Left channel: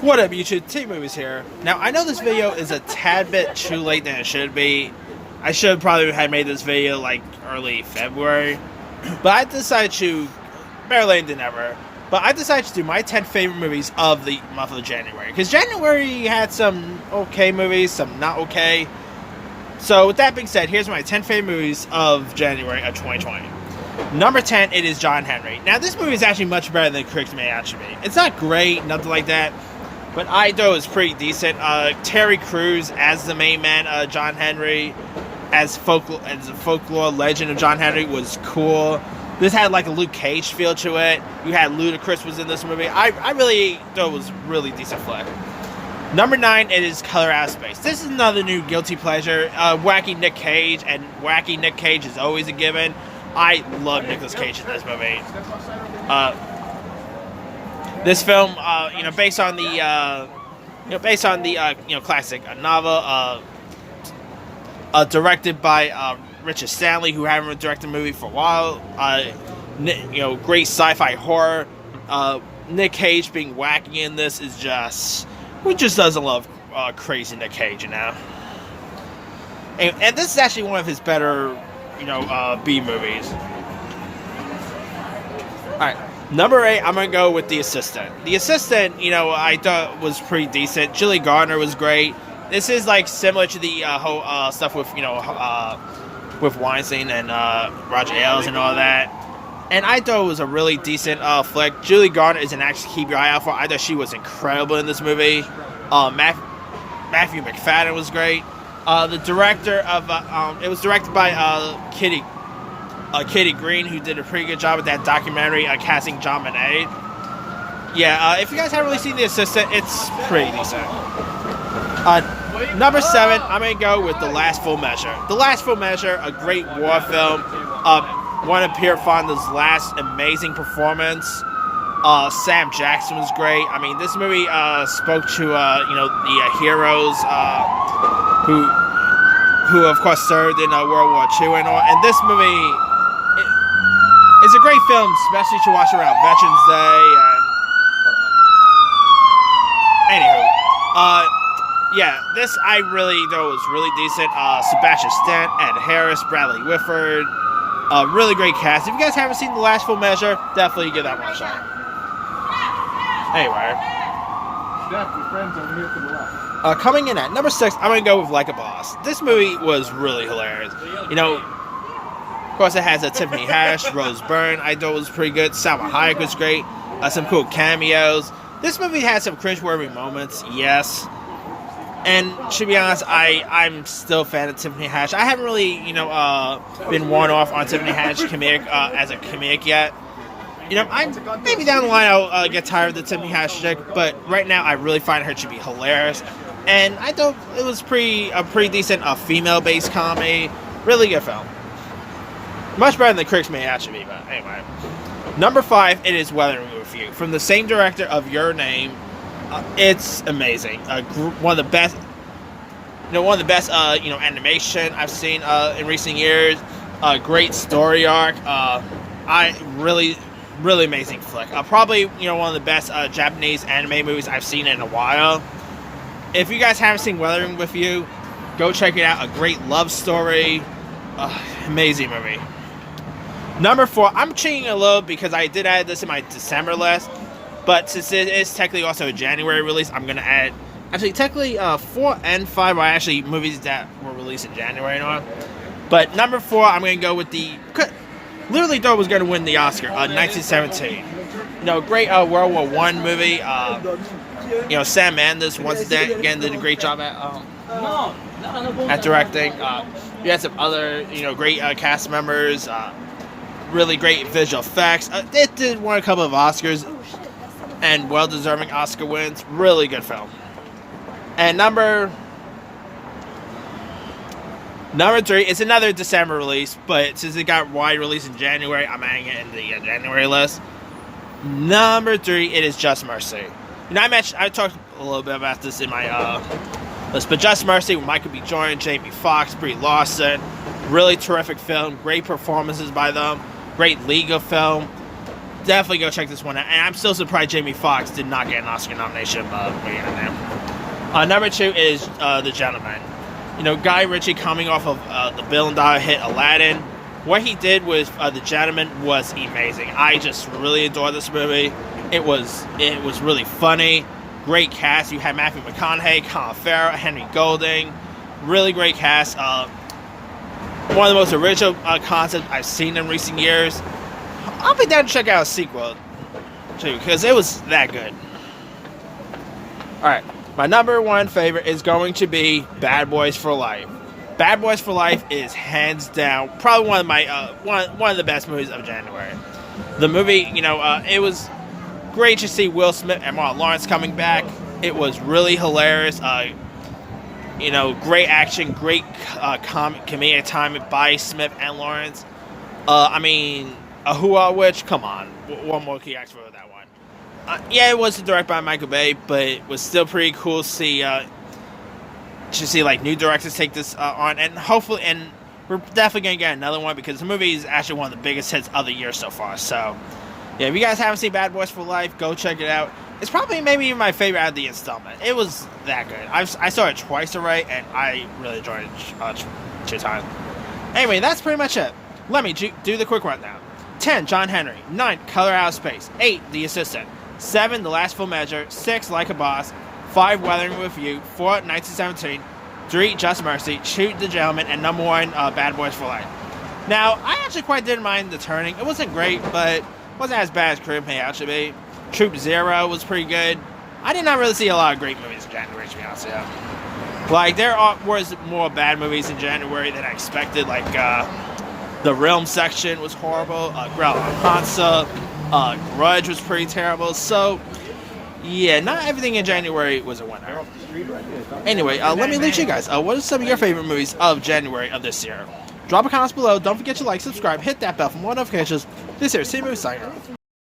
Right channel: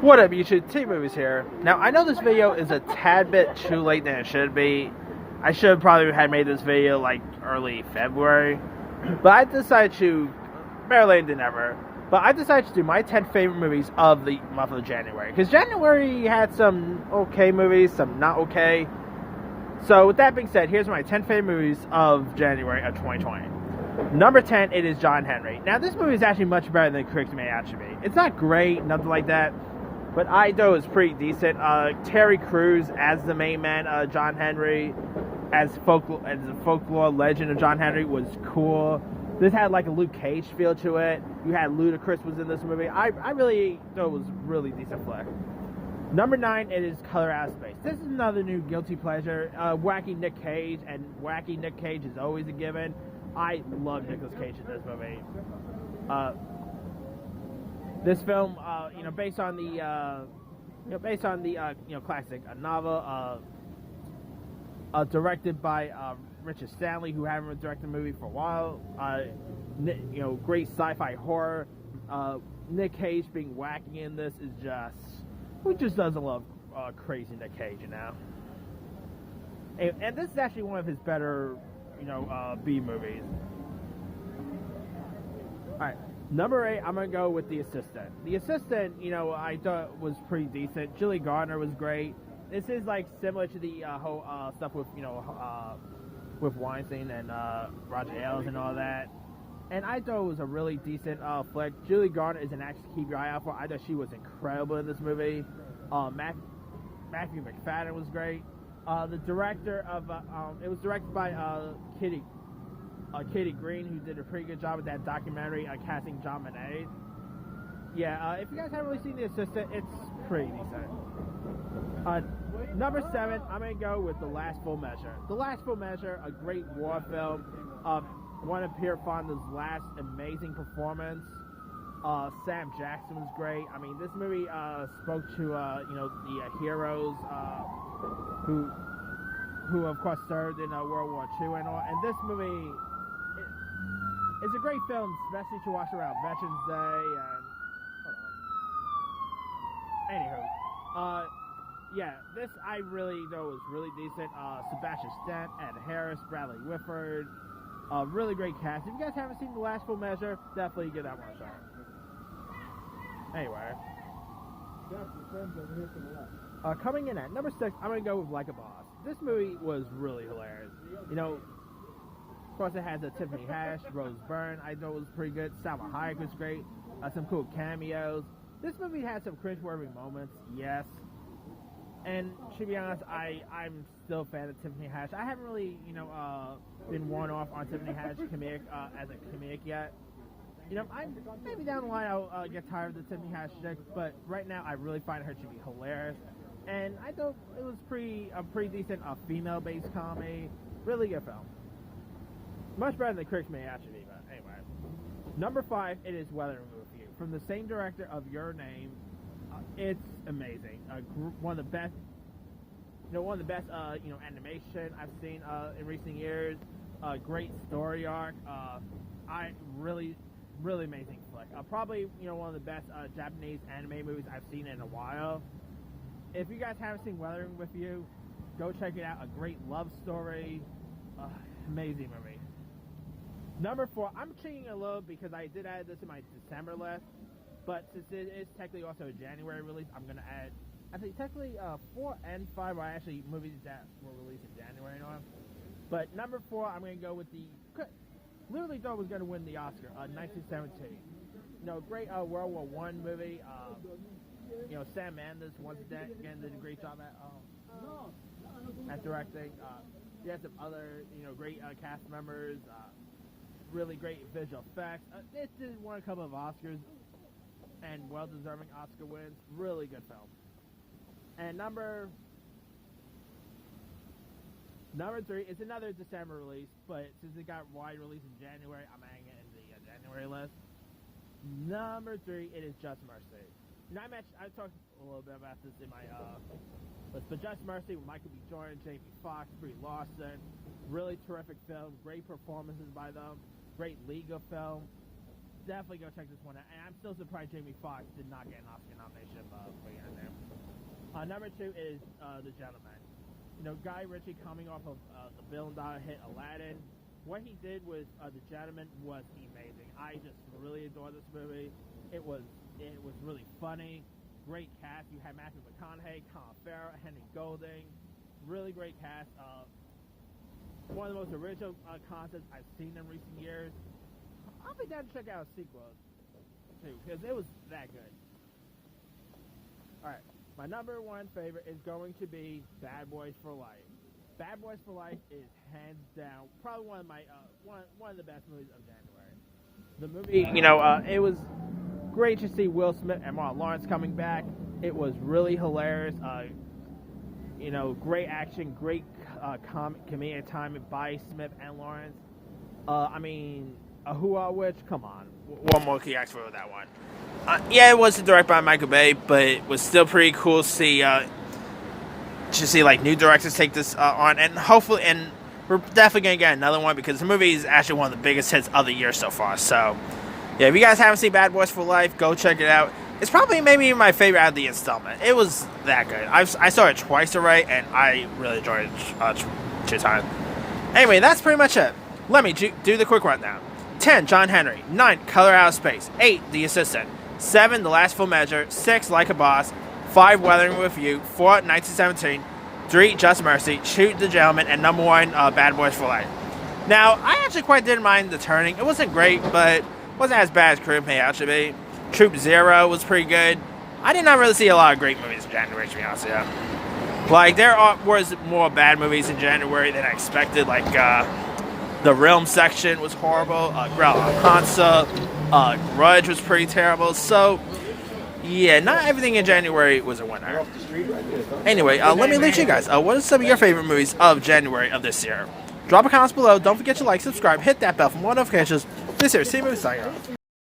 What up, YouTube? T-Movies here. Now, I know this video is a tad bit too late than it should be. I should probably have made this video like early February. But I decided to, better late than never, but I decided to do my 10 favorite movies of the month of January. Because January had some okay movies, some not okay. So with that being said, here's my 10 favorite movies of January of 2020. Number 10, it is John Henry. Now, this movie is actually much better than critics may actually be. It's not great, nothing like that. But I thought it was pretty decent. Terry Crews as the main man, John Henry, as the folklore legend of John Henry was cool. This had like a Luke Cage feel to it. You had Ludacris was in this movie. I really thought it was really decent flick. Number 9, it is Color Out of Space. This is another new guilty pleasure. Wacky Nick Cage, and wacky Nick Cage is always a given. I love Nicolas Cage in this movie. This film, based on the, classic novel, directed by Richard Stanley, who haven't directed a movie for a while. Great sci-fi horror. Nick Cage being wacky in this is just, who just doesn't love crazy Nick Cage, you know? And this is actually one of his better, B movies. All right. Number 8, I'm going to go with The Assistant. The Assistant, I thought was pretty decent. Julie Garner was great. This is, like, similar to the whole stuff with, with Weinstein and Roger Ailes and all that. And I thought it was a really decent flick. Julie Garner is an actress to keep your eye out for. I thought she was incredible in this movie. Matthew McFadden was great. The director of, it was directed by Kitty Green, who did a pretty good job with that documentary casting John Bonet. Yeah, if you guys haven't really seen The Assistant, it's pretty decent. Number 7, I'm going to go with The Last Full Measure. The Last Full Measure, a great war film. One of Pierre Fonda's last amazing performance. Sam Jackson was great. I mean, this movie spoke to, the heroes who of course served in World War II and all. And this movie... It's a great film, especially to watch around Veterans Day. This I really thought was really decent. Sebastian Stan, Ed Harris, Bradley Whitford. Really great cast. If you guys haven't seen The Last Full Measure, definitely give that one a shot. Anyway. Coming in at number 6, I'm going to go with Like a Boss. This movie was really hilarious. Of course, it has Tiffany Haddish, Rose Byrne. I thought was pretty good. Salma Hayek was great. Some cool cameos. This movie had some cringeworthy moments, yes. And to be honest, I'm still a fan of Tiffany Haddish. I haven't really, been worn off on Tiffany Haddish as a comedic yet. Maybe down the line I'll get tired of the Tiffany Haddish chick, but right now I really find her to be hilarious. And I thought it was a pretty decent female-based comedy. Really good film. Much better than the critics may actually be, but anyway. Number 5, it is Weathering with You. From the same director of Your Name, it's amazing. One of the best, animation I've seen in recent years. Great story arc. Really amazing flick. Probably, one of the best Japanese anime movies I've seen in a while. If you guys haven't seen Weathering with You, go check it out. A great love story. Amazing movie. Number 4, I'm cheating a little because I did add this in my December list, but since it is technically also a January release, I'm going to add, actually technically 4 and 5 are actually movies that were released in January and all. But number 4, I'm going to go with literally thought it was going to win the Oscar, 1917. Great World War I movie. Sam Mendes once again did a great job at directing. You had some other, great cast members. Really great visual effects. It did win a couple of Oscars and well-deserving Oscar wins. Really good film. And number 3, it's another December release, but since it got wide release in January, I'm adding it in the January list. Number 3, it is Just Mercy. I talked a little bit about this in my list, but Just Mercy with Michael B. Jordan, Jamie Foxx, Brie Larson. Really terrific film. Great performances by them. Great legal film. definitely go check this one out. And I'm still surprised Jamie Foxx did not get an Oscar nomination. Number 2 is The Gentleman. You know, Guy Ritchie coming off of the billion dollar hit Aladdin. What he did with The Gentleman was amazing. I just really adored this movie. It was really funny. Great cast. You had Matthew McConaughey, Colin Farrell, Henry Golding. Really great cast. One of the most original concepts I've seen in recent years. I'll be down to check out a sequel too, because it was that good. Alright, my number 1 favorite is going to be Bad Boys for Life. Bad Boys for Life is hands down probably one of my one of the best movies of January. The movie, you know, it was great to see Will Smith and Martin Lawrence coming back. It was really hilarious. You know, great action, great comedic timing by Smith and Lawrence. I mean, Ahua Witch, come on. What more can you ask for with that one? Yeah, it wasn't directed by Michael Bay, but it was still pretty cool to see like new directors take this on, and hopefully, and we're definitely gonna get another one because the movie is actually one of the biggest hits of the year so far. So, yeah, if you guys haven't seen Bad Boys for Life, go check it out. It's probably maybe my favorite out of the installment. It was that good. I saw it twice already, and I really enjoyed it 2 times. Anyway, that's pretty much it. Let me do the quick rundown. 10, John Henry. 9, Color Out of Space. 8, The Assistant. 7, The Last Full Measure. 6, Like a Boss. 5, Weathering with You. 4, 1917. 3, Just Mercy. 2, The Gentleman. And number 1, Bad Boys for Life. Now, I actually quite didn't mind The Turning. It wasn't great, but wasn't as bad as Crib may actually be. Troop Zero was pretty good. I did not really see a lot of great movies in January, to be honest with you. Like, there was more bad movies in January than I expected. Like, The Realm section was horrible. Ground Hansa. Grudge was pretty terrible. So, yeah, not everything in January was a winner. Anyway, let me lead you guys. What are some of your favorite movies of January of this year? Drop a comment below. Don't forget to like, subscribe, hit that bell for more notifications. This here is C-Movie signing off.